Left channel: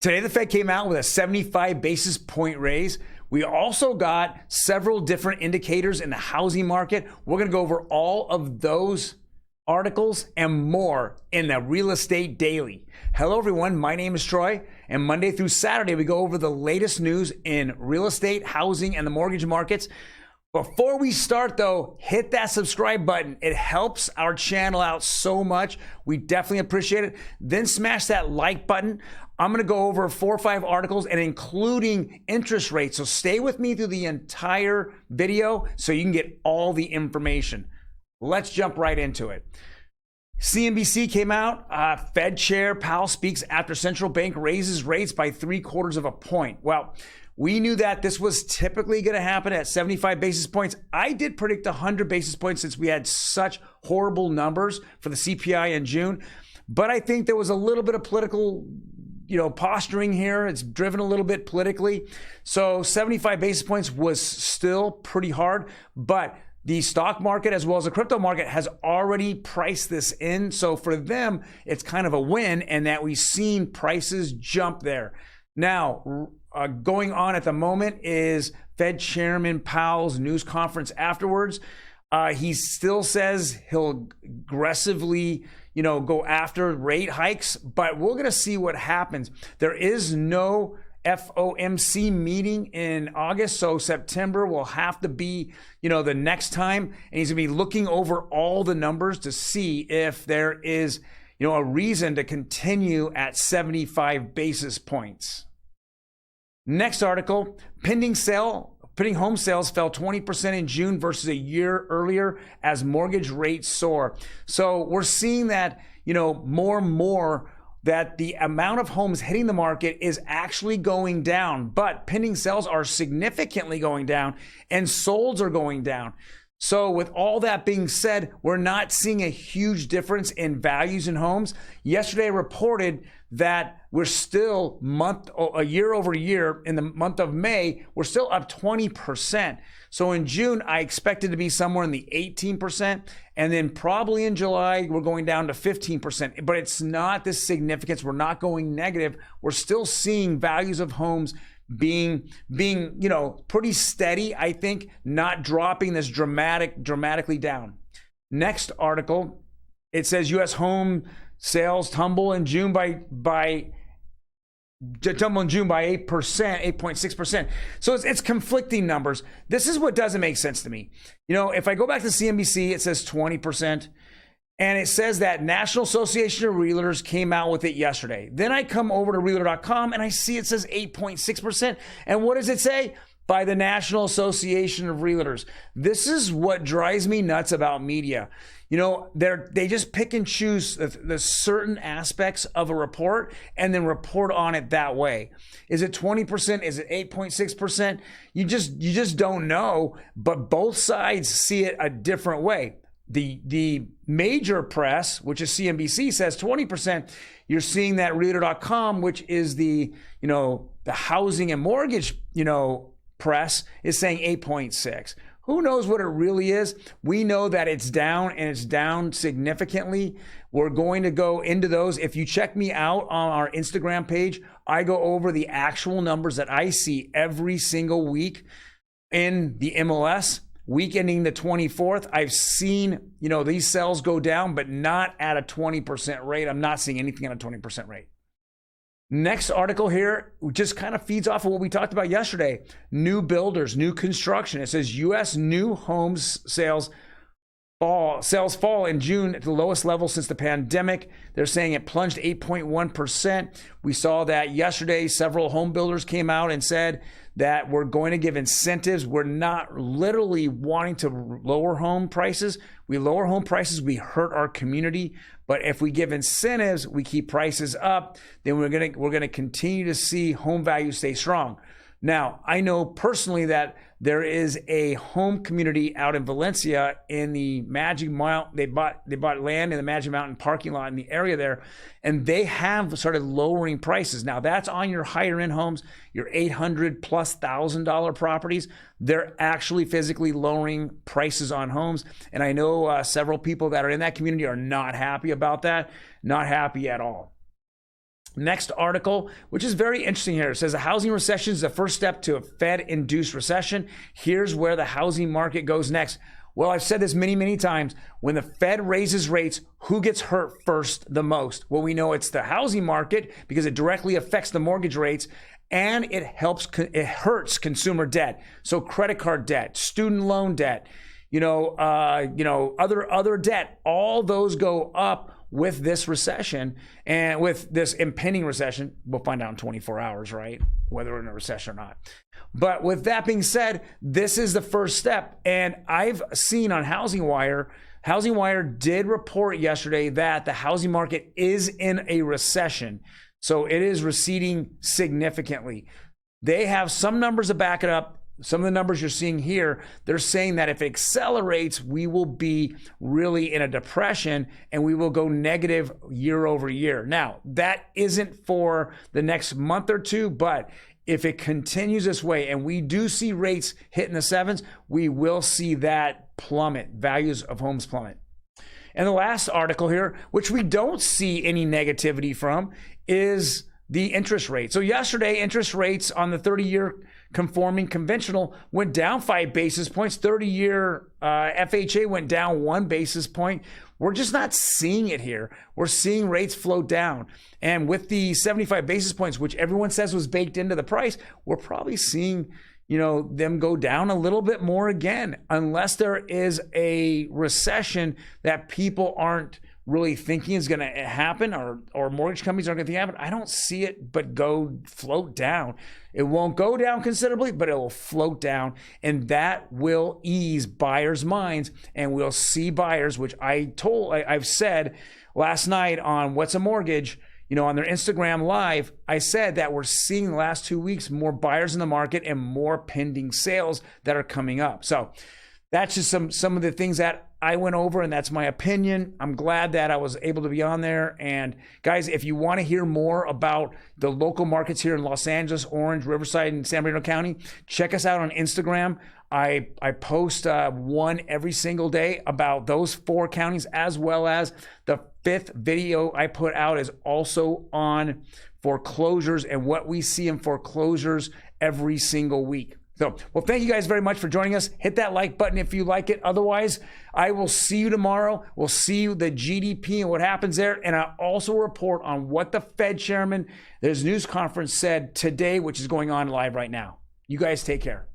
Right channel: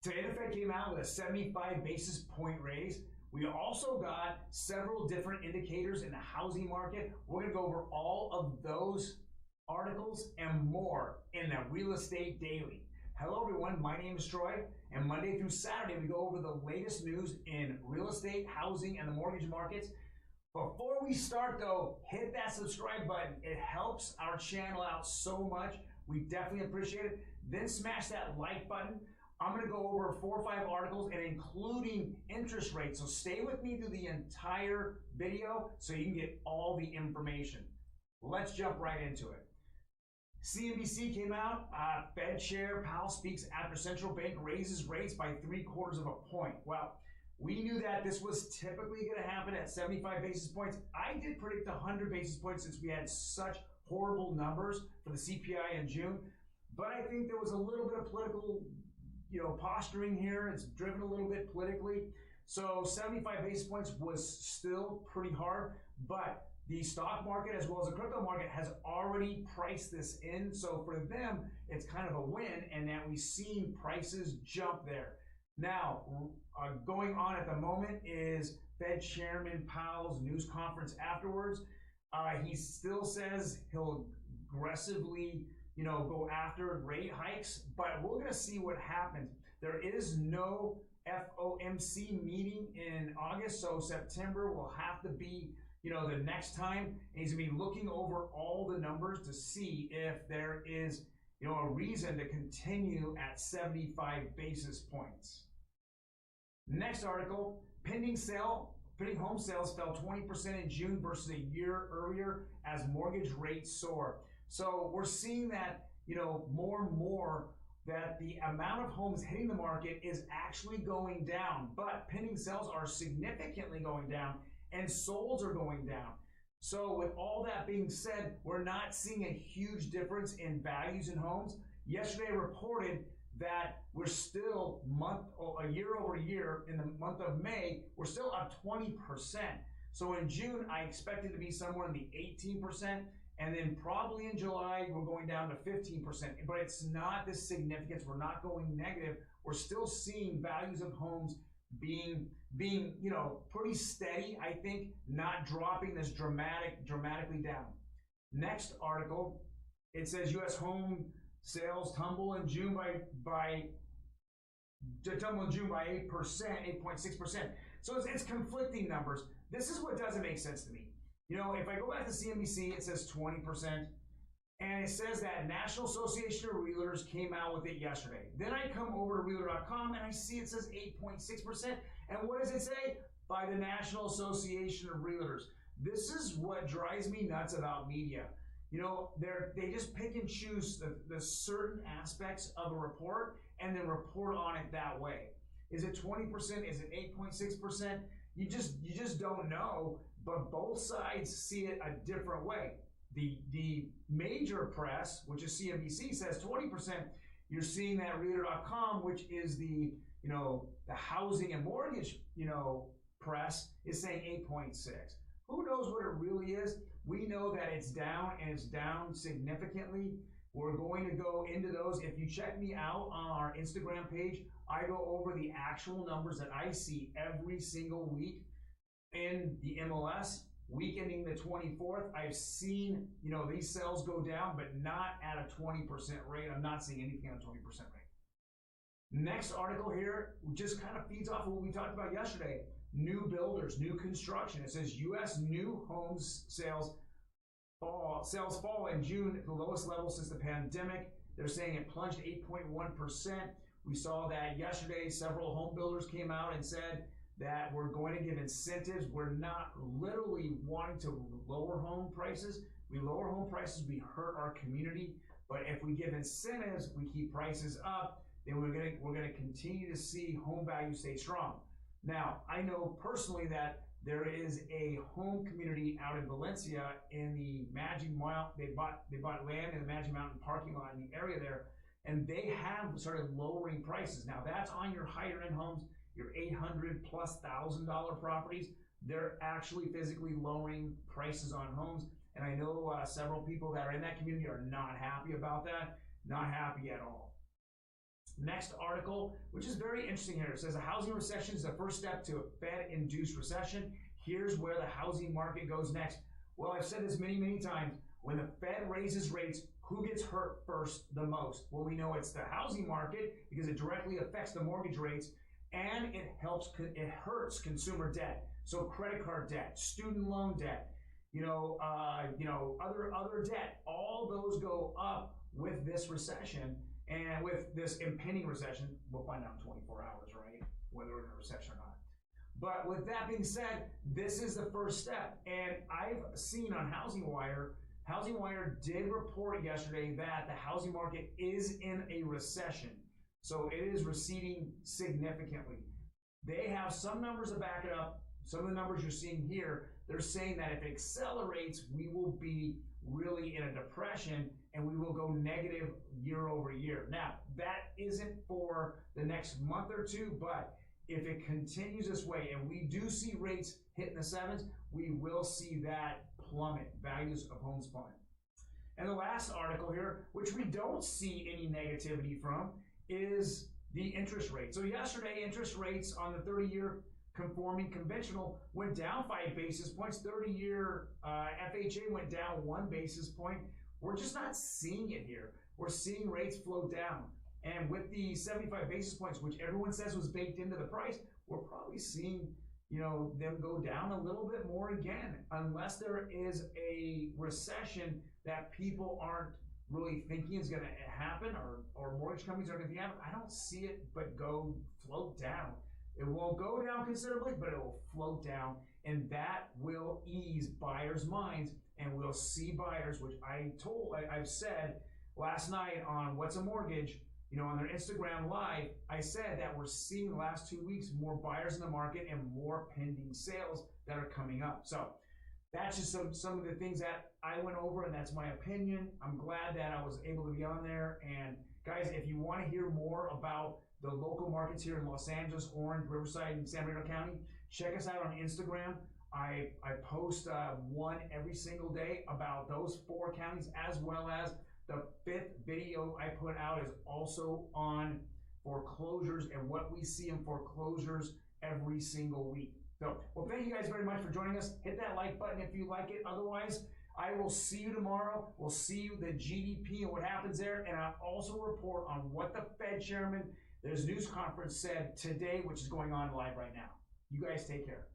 Today, the Fed came out with a 75 basis point raise. We also got several different indicators in the housing market. We're going to go over all of those articles and more in the Real Estate Daily. Hello, everyone. My name is Troy, and Monday through Saturday, we go over the latest news in real estate, housing, and the mortgage markets. Before we start, though, hit that subscribe button. It helps our channel out so much. We definitely appreciate it. Then smash that like button. I'm going to go over 4 or 5 articles and including interest rates. So stay with me through the entire video so you can get all the information. Let's jump right into it. CNBC came out. Fed Chair Powell speaks after central bank raises rates by 0.75 points. Well, we knew that this was typically going to happen at 75 basis points. I did predict 100 basis points since we had such horrible numbers for the CPI in June. But I think there was a little bit of political posturing here. It's driven a little bit politically. So 75 basis points was still pretty hard, but the stock market as well as the crypto market has already priced this in. So for them, it's kind of a win and that we've seen prices jump there. Now, going on at the moment is Fed Chairman Powell's news conference afterwards. He still says he'll aggressively go after rate hikes, but we're going to see what happens. There is no FOMC meeting in August, so September will have to be, the next time, and he's going to be looking over all the numbers to see if there is, a reason to continue at 75 basis points. Next article, pending home sales fell 20% in June versus a year earlier as mortgage rates soar. So we're seeing that, more and more that the amount of homes hitting the market is actually going down, but pending sales are significantly going down and solds are going down. So with all that being said, we're not seeing a huge difference in values in homes. Yesterday reported that we're still year over year in the month of May, we're still up 20%. So in June, I expected to be somewhere in the 18%. And then probably in July, we're going down to 15%. But it's not this significance. We're not going negative. We're still seeing values of homes being pretty steady, I think, not dropping this dramatically down. Next article, it says U.S. home sales tumble in June by 8.6%. So it's conflicting numbers. This is what doesn't make sense to me. If I go back to CNBC, it says 20%. And it says that National Association of Realtors came out with it yesterday. Then I come over to realtor.com and I see it says 8.6%. And what does it say? By the National Association of Realtors. This is what drives me nuts about media. They just pick and choose the certain aspects of a report and then report on it that way. Is it 20%? Is it 8.6%? You just don't know, but both sides see it a different way. The major press, which is CNBC, says 20%. You're seeing that realtor.com, which is the housing and mortgage, press, is saying 8.6. Who knows what it really is? We know that it's down and it's down significantly. We're going to go into those. If you check me out on our Instagram page, I go over the actual numbers that I see every single week in the MLS. Week ending the 24th, I've seen, these sales go down, but not at a 20% rate. I'm not seeing anything at a 20% rate. Next article here just kind of feeds off of what we talked about yesterday. New builders, new construction. It says U.S. new homes sales fall in June at the lowest level since the pandemic. They're saying it plunged 8.1%. We saw that yesterday. Several home builders came out and said that we're going to give incentives. We're not literally wanting to lower home prices. We lower home prices, we hurt our community. But if we give incentives, we keep prices up, then we're gonna continue to see home values stay strong. Now, I know personally that there is a home community out in Valencia in the Magic Mountain. They bought land in the Magic Mountain parking lot in the area there, and they have started lowering prices. Now, that's on your higher end homes, your $800,000+ properties. They're actually physically lowering prices on homes. And I know several people that are in that community are not happy about that, not happy at all. Next article, which is very interesting here. It says a housing recession is the first step to a Fed-induced recession. Here's where the housing market goes next. Well, I've said this many, many times. When the Fed raises rates, who gets hurt first the most? Well, we know it's the housing market because it directly affects the mortgage rates, and it hurts consumer debt. So credit card debt, student loan debt, other debt, all those go up with this recession and with this impending recession. We'll find out in 24 hours, right? Whether we're in a recession or not. But with that being said, this is the first step. And I've seen on Housing Wire did report yesterday that the housing market is in a recession. So it is receding significantly. They have some numbers to back it up. Some of the numbers you're seeing here, they're saying that if it accelerates, we will be really in a depression and we will go negative year over year. Now, that isn't for the next month or two, but if it continues this way and we do see rates hitting the sevens, we will see that plummet, values of homes plummet. And the last article here, which we don't see any negativity from, is the interest rate. So yesterday, interest rates on the 30-year conforming conventional went down 5 basis points. 30-year FHA went down 1 basis point. We're just not seeing it here. We're seeing rates float down. And with the 75 basis points, which everyone says was baked into the price, we're probably seeing them go down a little bit more again, unless there is a recession that people aren't really thinking is going to happen, or mortgage companies aren't going to happen. I don't see it but float down. It won't go down considerably, but it will float down, and that will ease buyers' minds, and we'll see buyers, which I've said last night on What's a Mortgage, on their Instagram live, I said that we're seeing the last 2 weeks more buyers in the market and more pending sales that are coming up. So that's just some of the things that I went over, and that's my opinion. I'm glad that I was able to be on there. And guys, if you want to hear more about the local markets here in Los Angeles, Orange, Riverside, and San Bernardino County, check us out on Instagram. I post one every single day about those 4 counties, as well as the 5th video I put out is also on foreclosures and what we see in foreclosures every single week. So, well, thank you guys very much for joining us. Hit that like button if you like it. Otherwise, I will see you tomorrow. We'll see you the GDP and what happens there. And I also report on what the Fed chairman, his news conference said today, which is going on live right now. You guys take care.